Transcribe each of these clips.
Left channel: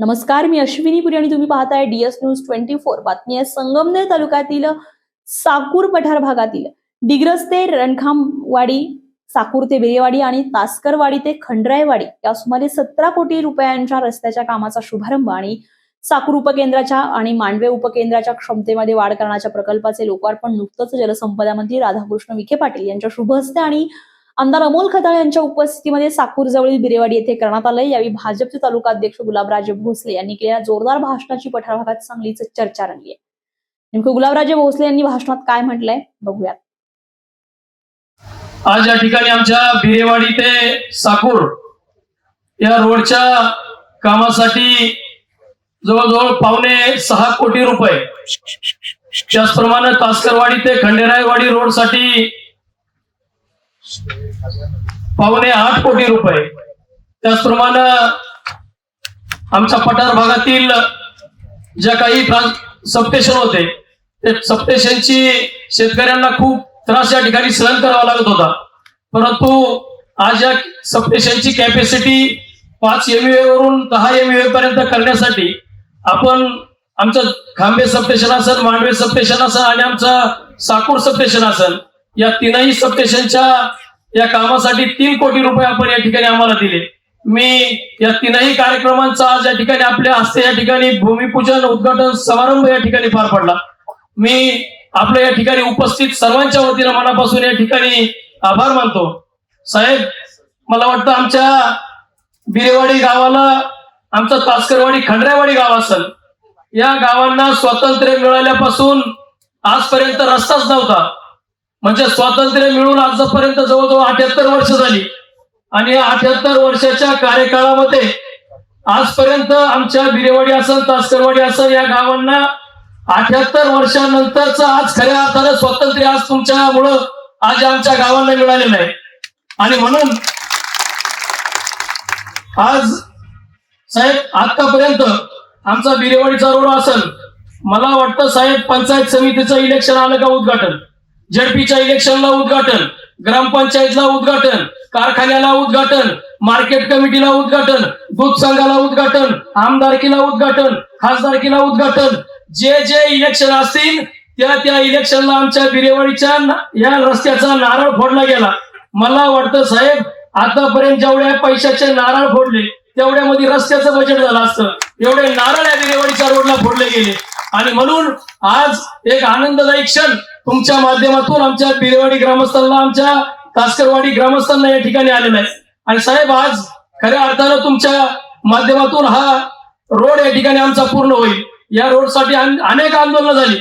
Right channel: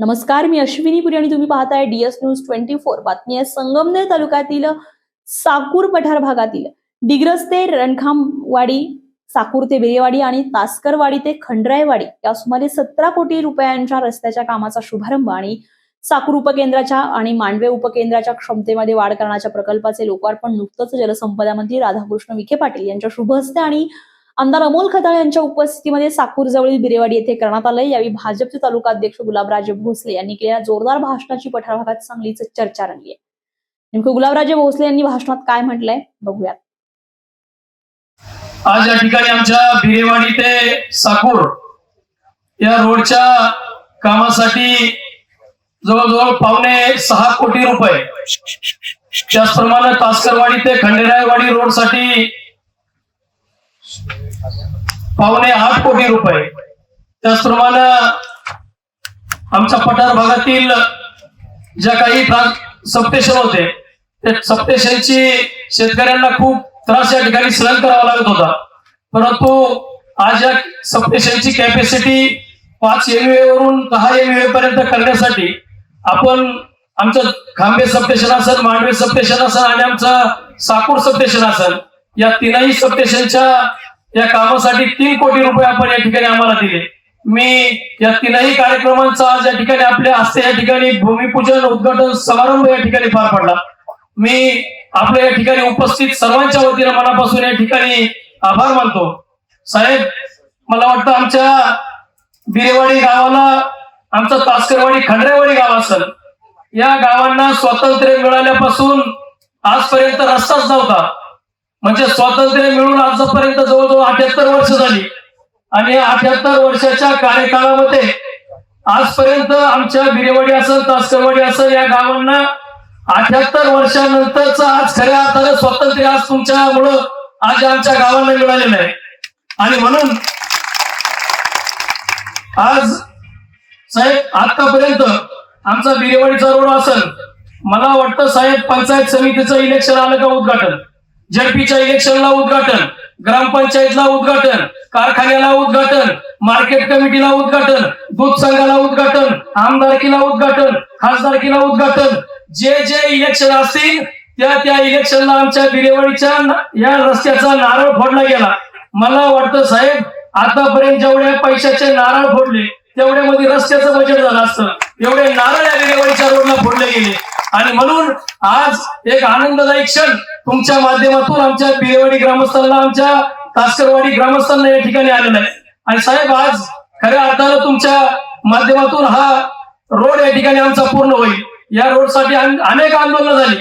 नमस्कार, मी अश्विनी पुरी आणि तुम्ही पाहताय DS न्यूज 24। बातमी आहे संगमनेर तालुक्यातील साकूर पठार भागातील डिग्रस ते रणखामवाडी, साकूर ते बेरेवाडी आणि तास्करवाडी ते खंडरायवाडी या सुमारे 17 कोटी रुपयांच्या रस्त्याच्या कामाचा शुभारंभ आणि साकूर उपकेंद्राच्या आणि मांडवे उपकेंद्राच्या क्षमतेमध्ये वाढ करण्याच्या प्रकल्पाचे लोकार्पण नुकतंच जलसंपदा मंत्री राधाकृष्ण विखे पाटील यांच्या शुभ हस्ते आणि आमदार अमोल खताळ यांच्या उपस्थितीमध्ये साकूर जवळील बिरेवाडी येथे करण्यात आले। यावेळी भाजपचे तालुका अध्यक्ष गुलाबराजे भोसले यांनी केलेल्या जोरदार भाषणाची पठार भागात चांगलीच चर्चा रंगली आहे। नेमकं गुलाबराजे भोसले यांनी भाषणात काय म्हटलंय बघूयात। आज या ठिकाणी आमच्या बिरेवाडी ते साकूर या रोडच्या कामासाठी जवळजवळ 5.6 कोटी रुपये, त्याचप्रमाणे तास्करवाडी ते खंडेरायवाडी रोड साठी 8.5 कोटी रुपये, त्याचप्रमाणे आमच्या पठार भागातील ज्या काही सबस्टेशन होते ते सबस्टेशनची शेतकऱ्यांना खूप त्रास या ठिकाणी सहन करावा लागत होता, परंतु आज या सबस्टेशनची कॅपॅसिटी 5 MVA वरून 10 MVA पर्यंत करण्यासाठी आपण आमचं खांबे सबस्टेशन असेल, मांडवे सबस्टेशन असेल आणि आमचं साकूर सबस्टेशन असेल, या तीनही सबस्टेशनच्या या कामासाठी 3 कोटी रुपये आपण या ठिकाणी आम्हाला दिले। मी या तीनही कार्यक्रमांचा आज या ठिकाणी आपल्या हस्ते या ठिकाणी भूमिपूजन उद्घाटन समारंभ या ठिकाणी पार पडला। मी आपल्या या ठिकाणी उपस्थित सर्वांच्या वतीने मनापासून या ठिकाणी आभार मानतो। साहेब, मला वाटतं आमच्या बिरेवाडी गावाला, आमचं तास्करवाडी खंडरायवाडी गाव असेल, या गावांना स्वातंत्र्य मिळाल्यापासून आजपर्यंत रस्ताच नव्हता। म्हणजे स्वातंत्र्य मिळून आजपर्यंत जवळजवळ 78 वर्ष झाली आणि 78 वर्षाच्या कार्यकाळामध्ये आजपर्यंत आमच्या बिरेवाडी असेल, तास्करवाडी असेल, या गावांना 78 वर्षानंतरच आज खऱ्या अर्थाने स्वातंत्र्य आज तुमच्यामुळं आज आमच्या गावांना मिळालेलं आहे। आणि म्हणून आज साहेब, आतापर्यंत आमचा बिरेवाडीचा रोड असेल, मला वाटतं साहेब पंचायत समितीचं इलेक्शन आलं का उद्घाटन, झडपीच्या इलेक्शनला उद्घाटन, ग्रामपंचायतला उद्घाटन, कारखान्याला उद्घाटन, मार्केट कमिटीला उद्घाटन, दूध संघाला उद्घाटन, आमदारकीला उद्घाटन, खासदारकीला उद्घाटन, जे जे इलेक्शन असतील त्या इलेक्शनला आमच्या बिरेवाडीच्या या रस्त्याचा नारळ फोडला गेला। मला वाटतं साहेब, आतापर्यंत जेवढ्या पैशाचे नारळ फोडले तेवढ्यामध्ये रस्त्याचं बजेट झालं असतं, एवढे नारळ या बिरेवाडीच्या रोडला फोडले गेले। आणि म्हणून आज एक आनंददायी क्षण तुमच्या माध्यमातून आमच्या बिरेवाडी ग्रामस्थांना, आमच्या तास्करवाडी ग्रामस्थांना या ठिकाणी आलेला आहे। आणि साहेब, आज खऱ्या अर्थानं तुमच्या माध्यमातून हा रोड या ठिकाणी आमचा पूर्ण होईल। या रोडसाठी अनेक आंदोलनं झाली,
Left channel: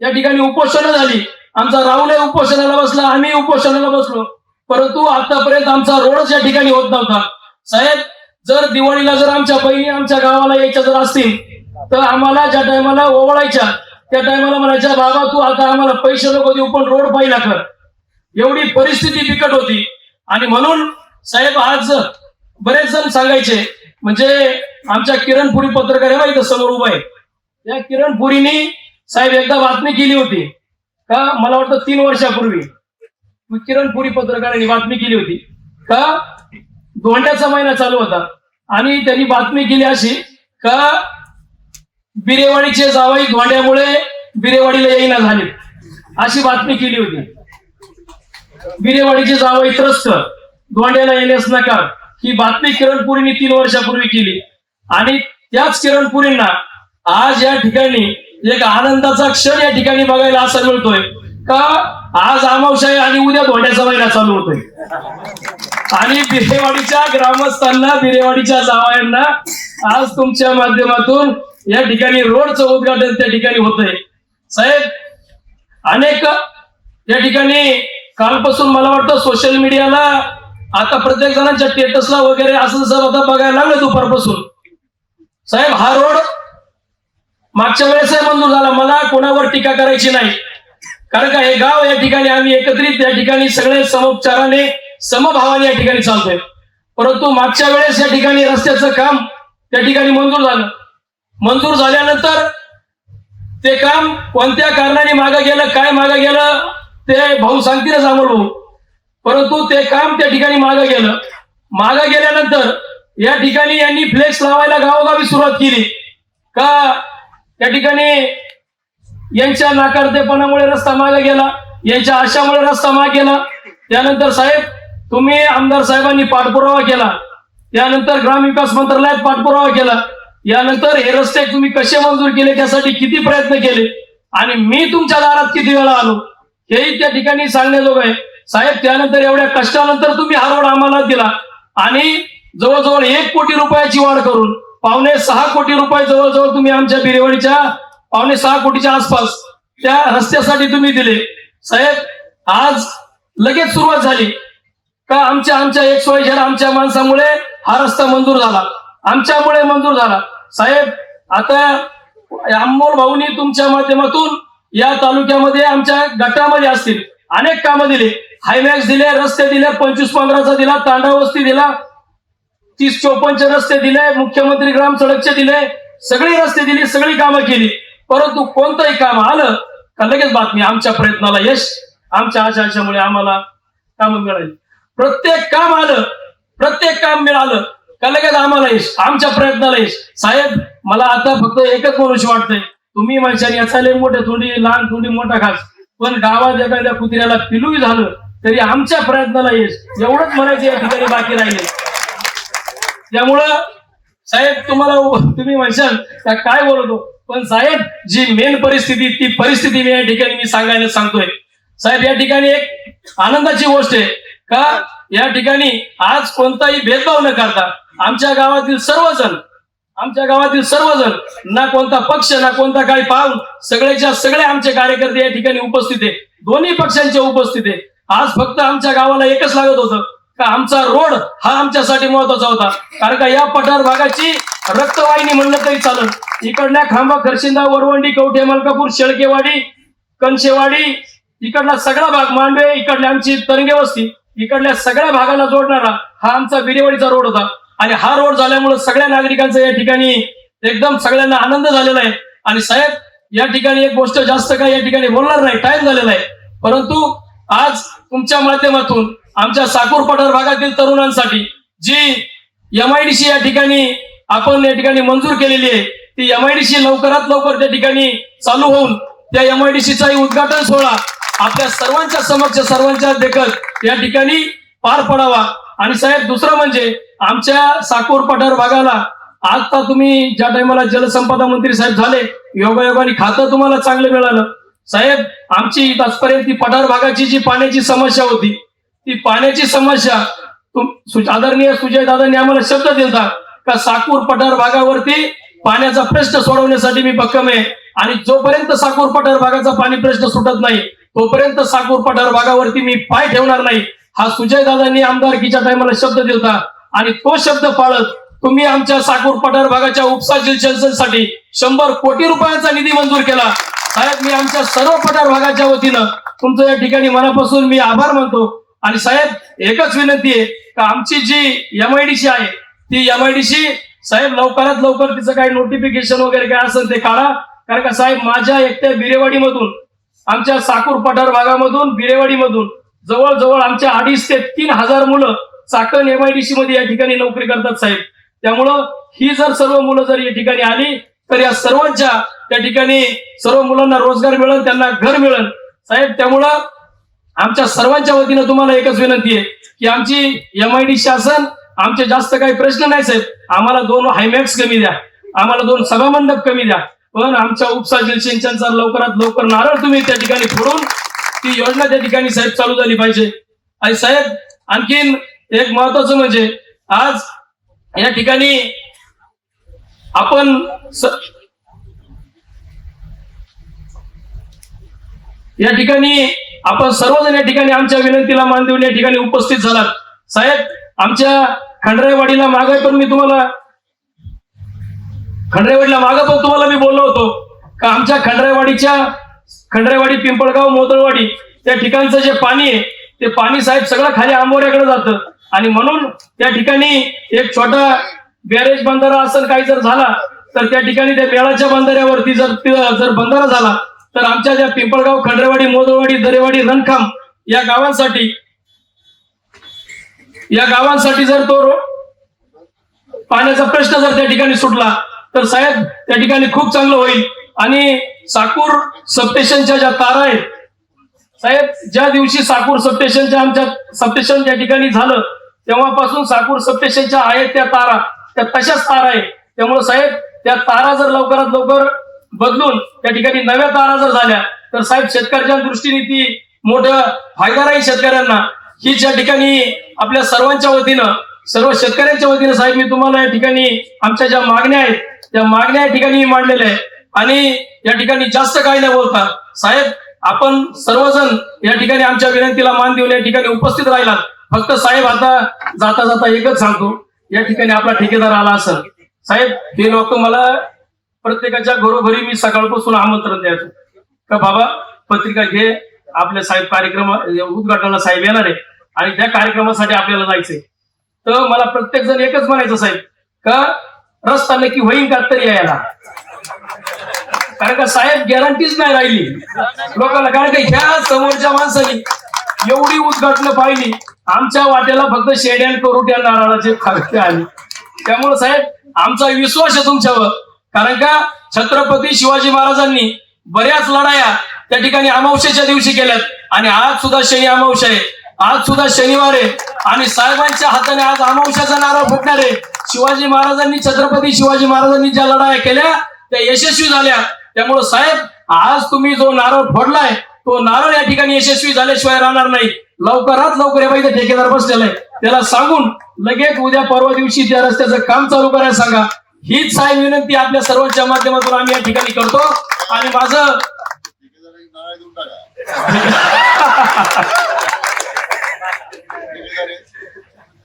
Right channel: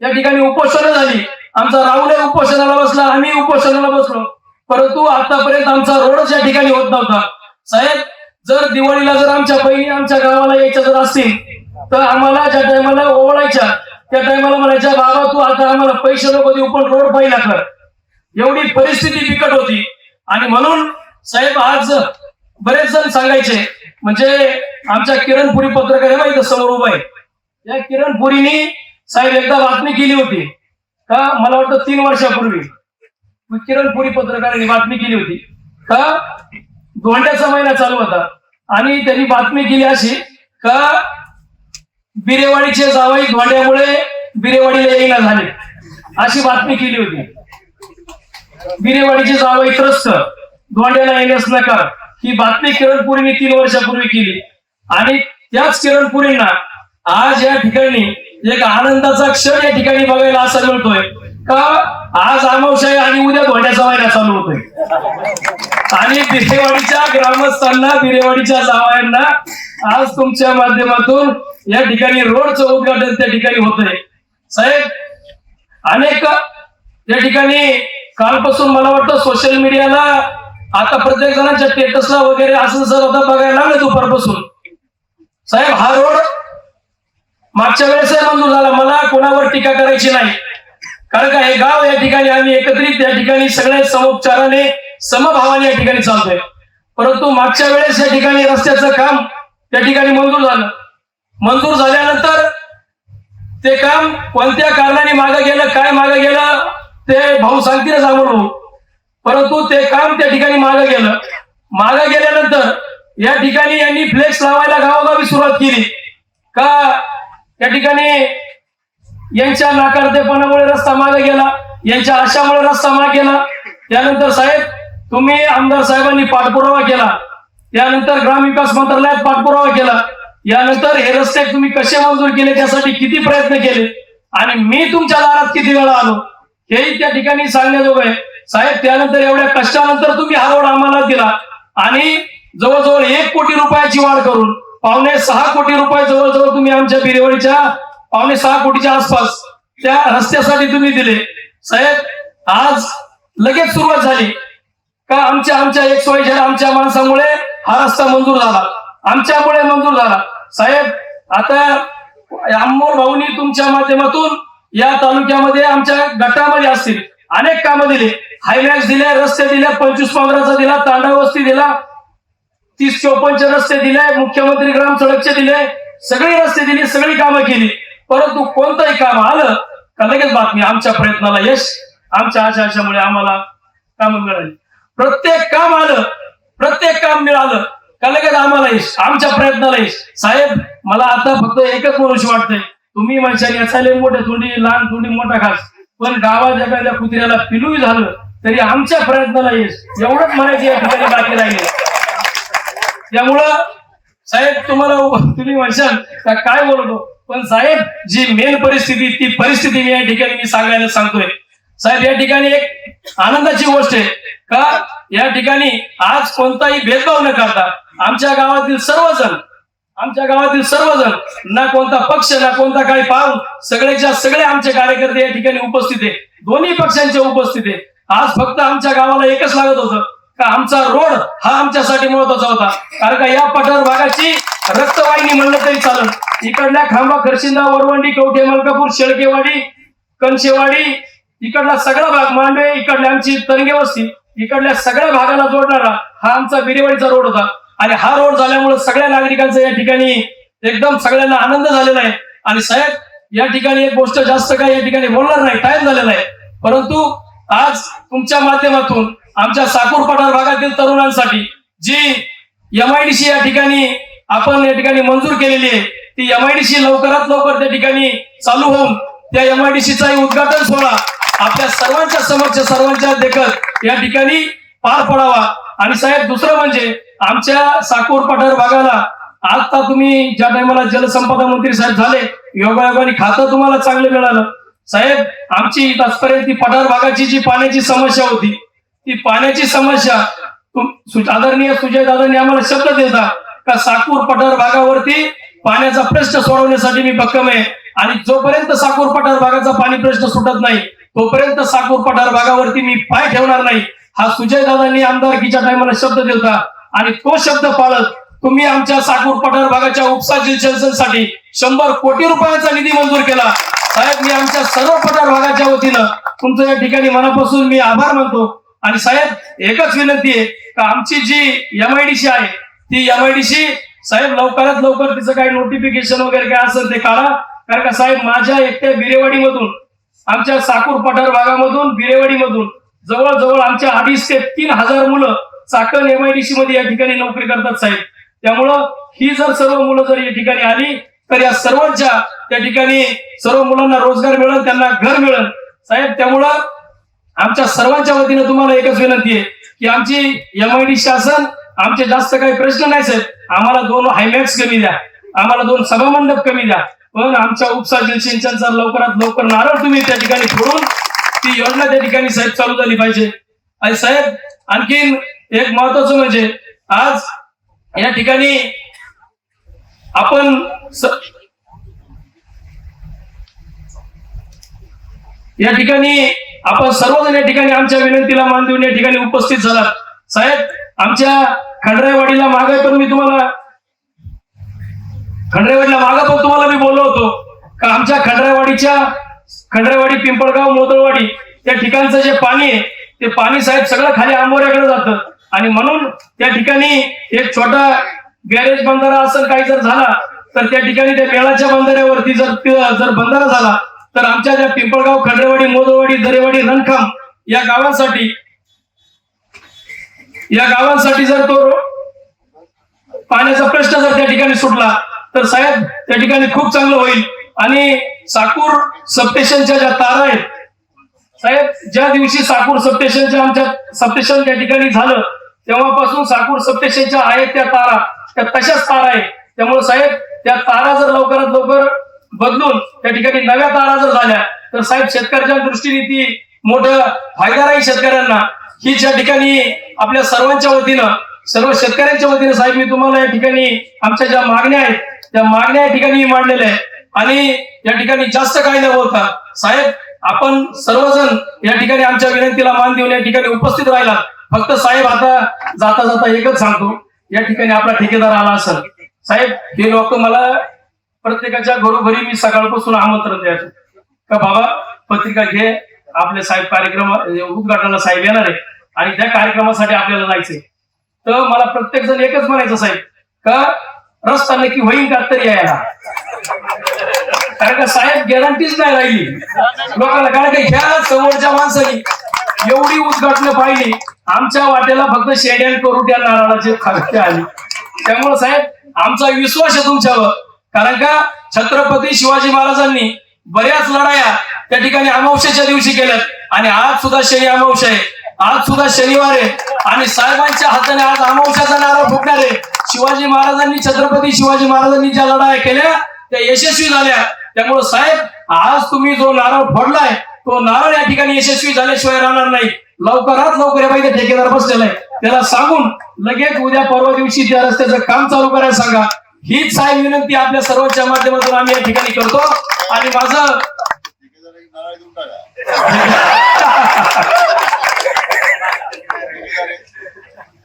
या ठिकाणी उपोषणं झाली, आमचा राहुल उपोषणाला बसला, आम्ही उपोषणाला बसलो, परंतु आतापर्यंत आमचा रोडच या ठिकाणी होत नव्हता। साहेब, जर दिवाळीला जर आमच्या बहिणी आमच्या गावाला यायच्या जर असतील तर आम्हाला ज्या टायमाला ओवळायच्या त्या टायमाला म्हणायच्या, बाबा तू आता आम्हाला पैसे नको देऊ पण रोड पहिला कर, एवढी परिस्थिती बिकट होती। आणि म्हणून साहेब, आज बरेच जण सांगायचे, म्हणजे आमच्या किरणपुरी पत्रकार आहे माहिती समोर उभा आहे, या किरणपुरीने साहेब एकदा बातमी केली होती का, मला वाटतं 3 वर्षापूर्वी किरणपुरी पत्रकारांनी बातमी केली होती का, धोंड्याचा महिना चालू होता आणि त्यांनी बातमी केली अशी का बिरेवाडीचे जावई धोंड्यामुळे बिरेवाडीला येईना झाले, अशी बातमी केली होती। बिरेवाडीचे जावई त्रस्त, धोंड्याला येण्यास नकार, ही बातमी किरणपुरीने 3 वर्षापूर्वी केली। आणि त्याच किरणपुरींना आज या ठिकाणी एक आनंदाचा क्षण या ठिकाणी बघायला असा मिळतोय का, आज अमावस्या आहे आणि उद्या धोंड्याचा महिना चालू होतोय आणि बिरेवाडीच्या ग्रामस्थांना, बिरेवाडीच्या जावयांना आज तुमच्या माध्यमातून या ठिकाणी रोडचं उद्घाटन त्या ठिकाणी होतंय। साहेब, अनेक या ठिकाणी कालपासून मला वाटतं सोशल मीडियाला आता प्रत्येक जणांच्या स्टेटसला वगैरे असं जर आता बघायला लागलं दुपारपासून। साहेब, हा रोड मागच्या वेळेस मंजूर झाला, मला कोणावर टीका करायची नाही, कारण का हे गाव या ठिकाणी आम्ही एकत्रित या ठिकाणी सगळे समोपचाराने समभावाने या ठिकाणी चालतोय, परंतु मागच्या वेळेस या ठिकाणी रस्त्याचं काम त्या ठिकाणी मंजूर झालं। मंजूर झाल्यानंतर ते काम कोणत्या कारणाने मागे गेलं, काय मागे गेलं ते भाऊ सांगतीलच अमोल भाऊ, परंतु ते काम त्या ठिकाणी मागे गेलं। मागे गेल्यानंतर या ठिकाणी यांनी फ्लेक्स लावायला गावोगावी सुरुवात केली का त्या ठिकाणी यांच्या नाकारतेपणामुळे रस्ता मागे गेला, यांच्या आशामुळे रस्ता मागे गेला. त्यानंतर साहेब तुम्ही आमदार साहेबांनी पाठपुरावा केला, त्यानंतर ग्रामविकास मंत्रालयात पाठपुरावा केला, यानंतर हे रस्ते तुम्ही कसे मंजूर केले, त्यासाठी किती प्रयत्न केले आणि मी तुमच्या दारात किती वेळा आलो हेही त्या ठिकाणी सांगण्याजोगं आहे. साहेब त्यानंतर एवढ्या कष्टानंतर तुम्ही हा रोड आम्हाला दिला आणि जवळजवळ 1 कोटी रुपयाची वाढ करून 5.5 कोटी रुपये जवळजवळ तुम्ही आमच्या बिरेवाडीच्या 5.5 कोटीच्या आसपास त्या रस्त्यासाठी तुम्ही दिले. साहेब आज लगेच सुरुवात झाली का आमच्या XYZ आमच्या माणसामुळे हा रस्ता मंजूर झाला, आमच्यामुळे मंजूर झाला. साहेब आता अमोल भाऊनी तुमच्या माध्यमातून या तालुक्यामध्ये आमच्या गटामध्ये असतील अनेक कामं दिले, हायमॅक्स दिले, रस्ते दिले, 25-15चा दिला, तांडा वस्ती दिला, 30-54 रस्ते दिले, मुख्यमंत्री ग्राम सडकचे दिले, सगळी रस्ते दिली, सगळी कामं केली. परंतु कोणतंही काम आलं का लगेच बातमी आमच्या प्रयत्नाला यश, आमच्या आशामुळे आम्हाला काम मिळाली. प्रत्येक काम आलं, प्रत्येक काम मिळालं का लगेच आम्हाला यश, आमच्या प्रयत्नाला यश. साहेब मला आता फक्त एकच बोलूशी वाटतंय, तुम्ही माणसाने असायला मोठे थोडी लहान थोडी मोठा खास, पण गावात एखाद्या कुत्र्याला पिलूही झालं तरी आमच्या प्रयत्नाला यश, एवढंच म्हणायचं या ठिकाणी बाकी राहिले. त्यामुळं साहेब तुम्ही म्हणशाल का काय बोलतो, पण साहेब जी मेन परिस्थिती ती परिस्थिती मी या ठिकाणी मी सांगायला सांगतोय. साहेब या ठिकाणी एक आनंदाची गोष्ट आहे का या ठिकाणी आज कोणताही भेदभाव न करता आमच्या गावातील सर्वजण ना कोणता पक्ष ना कोणता काही पाऊल, सगळेच्या सगळे आमचे कार्यकर्ते या ठिकाणी उपस्थित आहे, दोन्ही पक्षांचे उपस्थित आहे. आज फक्त आमच्या गावाला एकच लागत होतं का आमचा रोड हा आमच्यासाठी महत्वाचा होता, कारण का या पठार भागाची रक्तवाहिनी म्हणलं तरी चालेल. इकडल्या खांबा, खरशिंदा, वरवंडी, कवठे, मलकापूर, शेळकेवाडी, कणशेवाडी, इकडला सगळा भाग, मांडवे, इकडल्या आमची तरंगे वस्ती, इकडल्या सगळ्या भागाला जोडणारा हा आमचा बिरेवाडीचा रोड होता. आणि हा रोड झाल्यामुळे सगळ्या नागरिकांचा या ठिकाणी एकदम सगळ्यांना आनंद झालेला आहे. आणि साहेब या ठिकाणी एक गोष्ट जास्त काय या ठिकाणी बोलणार नाही, टाइम झालेला आहे, परंतु आज तुमच्या माध्यमातून आमच्या साकूर पठार भागातील तरुणांसाठी जी MIDC या ठिकाणी आपण या ठिकाणी मंजूर केलेली आहे, ती MIDC लवकरात लवकर त्या ठिकाणी चालू होऊन त्या MIDCचाही उद्घाटन सोहळा आपल्या सर्वांच्या समक्ष सर्वांच्या देखत या ठिकाणी पार पडावा. आणि साहेब दुसरं म्हणजे आमच्या साकूर पठार भागाला आता तुम्ही ज्या टायमाला जलसंपदा मंत्री साहेब झाले, योगायोगाने खातं तुम्हाला चांगलं मिळालं. साहेब आमची आजपर्यंत ती पठार भागाची जी पाण्याची समस्या होती, ती पाण्याची समस्या आदरणीय सुजय दादांनी आम्हाला शब्द दिला का साकूर पठार भागावरती पाण्याचा प्रश्न सोडवण्यासाठी मी भक्कम आहे. आणि जोपर्यंत साकूर पठार भागाचा पाणी प्रश्न सुटत नाही तोपर्यंत साकूर पठार भागावरती मी पाय ठेवणार नाही, हा सुजय दादांनी आमदारकीच्या टायमाला शब्द दिला. आणि तो शब्द पाळत तुम्ही आमच्या साकूर पठार भागाच्या उपसा सिंचनासाठी 100 कोटी रुपयांचा निधी मंजूर केला. साहेब मी आमच्या सर्व पठार भागाच्या वतीनं तुमचं या ठिकाणी मनापासून मी आभार मानतो. आणि साहेब एकच विनंती आहे का आमची जी MIDC आहे ती MIDC साहेब लवकरात लवकर तिचं काही नोटिफिकेशन वगैरे काय असेल ते काढा, कारण का साहेब माझ्या एकट्या बिरेवाडीमधून, आमच्या साकूर पठार भागामधून, बिरेवाडीमधून जवळजवळ आमच्या 2,500 ते 3,000 मुलं चाकण MIDC मध्ये या ठिकाणी नोकरी करतात साहेब. त्यामुळं ही जर सर्व मुलं जर या ठिकाणी आली तर या सर्वांच्या त्या ठिकाणी सर्व मुलांना रोजगार मिळेल, त्यांना घर मिळेल साहेब. त्यामुळं आमच्या सर्वांच्या वतीनं तुम्हाला एकच विनंती आहे की आमची MIDC असेल, आमचे जास्त काही प्रश्न नाही साहेब, आम्हाला 2 हायमॅक्स कमी द्या, आम्हाला 2 सभामंडप कमी द्या, पण आमच्या उपसा जलसिंचनचा लवकरात लवकर नारळ तुम्ही त्या ठिकाणी फोडून ती योजना त्या ठिकाणी साहेब चालू झाली पाहिजे. आणि साहेब आणखीन एक महत्वाचं म्हणजे आज या ठिकाणी आपण सर्वजण या ठिकाणी आमच्या विनंतीला मान देऊन या ठिकाणी उपस्थित झालात. साहेब आमच्या खंडरायवाडीला मागे पण तुम्हाला मी बोललो होतो का आमच्या खंडरायवाडी, पिंपळगाव, मोदळवाडी त्या ठिकाणचं जे पाणी आहे ते पाणी साहेब सगळं खाली आंबोऱ्याकडे जातं. आणि म्हणून त्या ठिकाणी एक छोटा बॅरेज बंधारा असेल काही जर झाला तर त्या ठिकाणी त्या मेळाच्या बंधाऱ्यावरती जर बंधारा झाला तर आमच्या त्या पिंपळगाव, खंडरेवाडी, मोदळवाडी, दरेवाडी, रणखाम या गावांसाठी जर तो पाण्याचा प्रश्न जर त्या ठिकाणी सुटला तर साहेब त्या ठिकाणी खूप चांगलं होईल. आणि साकूर सबस्टेशनच्या ज्या तारा आहेत साहेब, ज्या दिवशी साकूर सबस्टेशनच्या आमच्या सबस्टेशन त्या ठिकाणी झालं तेव्हापासून साकूर सबस्टेशनच्या आहेत त्या तारा त्या तशाच तारा आहे. त्यामुळे साहेब त्या तारा जर लवकरात लवकर बदलून त्या ठिकाणी नव्या तारा जर झाल्या तर साहेब शेतकऱ्याच्या दृष्टीने ती मोठं फायदा राहील शेतकऱ्यांना. ही ज्या ठिकाणी आपल्या सर्वांच्या वतीनं सर्व शेतकऱ्यांच्या वतीनं साहेब मी तुम्हाला या ठिकाणी आमच्या ज्या मागण्या आहेत त्या मागण्या या ठिकाणी मांडलेल्या आहेत. आणि या ठिकाणी जास्त काही न बोलता साहेब आपण सर्वजण या ठिकाणी आमच्या विनंतीला मान देऊन या ठिकाणी उपस्थित राहिलात. फक्त साहेब आता जाता जाता एकच सांगतो, या ठिकाणी आपला ठेकेदार आला असेल साहेब हे लोक मला प्रत्येकाच्या घरोघरी मी सकाळपासून आमंत्रण द्यायचं का बाबा पत्रिका घे, आपले साहेब कार्यक्रम उद्घाटनाला साहेब येणार आहे आणि त्या कार्यक्रमासाठी आपल्याला जायचंय. तर मला प्रत्येक जण एकच म्हणायचं साहेब का रस्ता नक्की होईल का तरी यायला, कारण का साहेब गॅरंटीच नाही राहिली लोकांना. कारण का ह्या समोरच्या माणसानी एवढी उद्घाटन पाहिली, आमच्या वाट्याला फक्त शेड्या करोट्या नारळाचे खाते आले. त्यामुळे साहेब आमचा विश्वास आहे तुमच्यावर, कारण का छत्रपती शिवाजी महाराजांनी बऱ्याच लढाया त्या ठिकाणी अमावस्येच्या दिवशी केल्यात आणि आज सुद्धा शनी अमावस्या आहे, आज सुद्धा शनिवार आहे आणि साहेबांच्या हाताने आज अमावस्याचा नारळ फुटणार आहे. शिवाजी महाराजांनी छत्रपती शिवाजी महाराजांनी ज्या लढाया केल्या त्या यशस्वी झाल्या. त्यामुळे साहेब आज तुम्ही जो नारळ फोडलाय तो नारळ या ठिकाणी यशस्वी झाल्याशिवाय राहणार नाही. लवकरात लवकर या पाहिजे ठेकेदार बसलेला आहे त्याला सांगून लगेच उद्या परवा दिवशी त्या रस्त्याचं काम चालू करायला सांगा. हीच साहेब विनंती आपल्या सर्वांच्या माध्यमातून आम्ही या ठिकाणी करतो. आणि माझं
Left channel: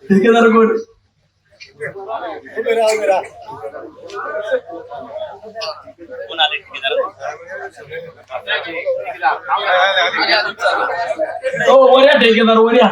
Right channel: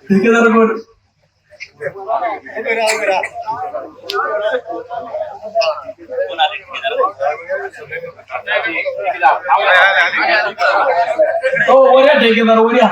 ठेकेदार कोण हो वऱ्या ठेकेदार वऱ्या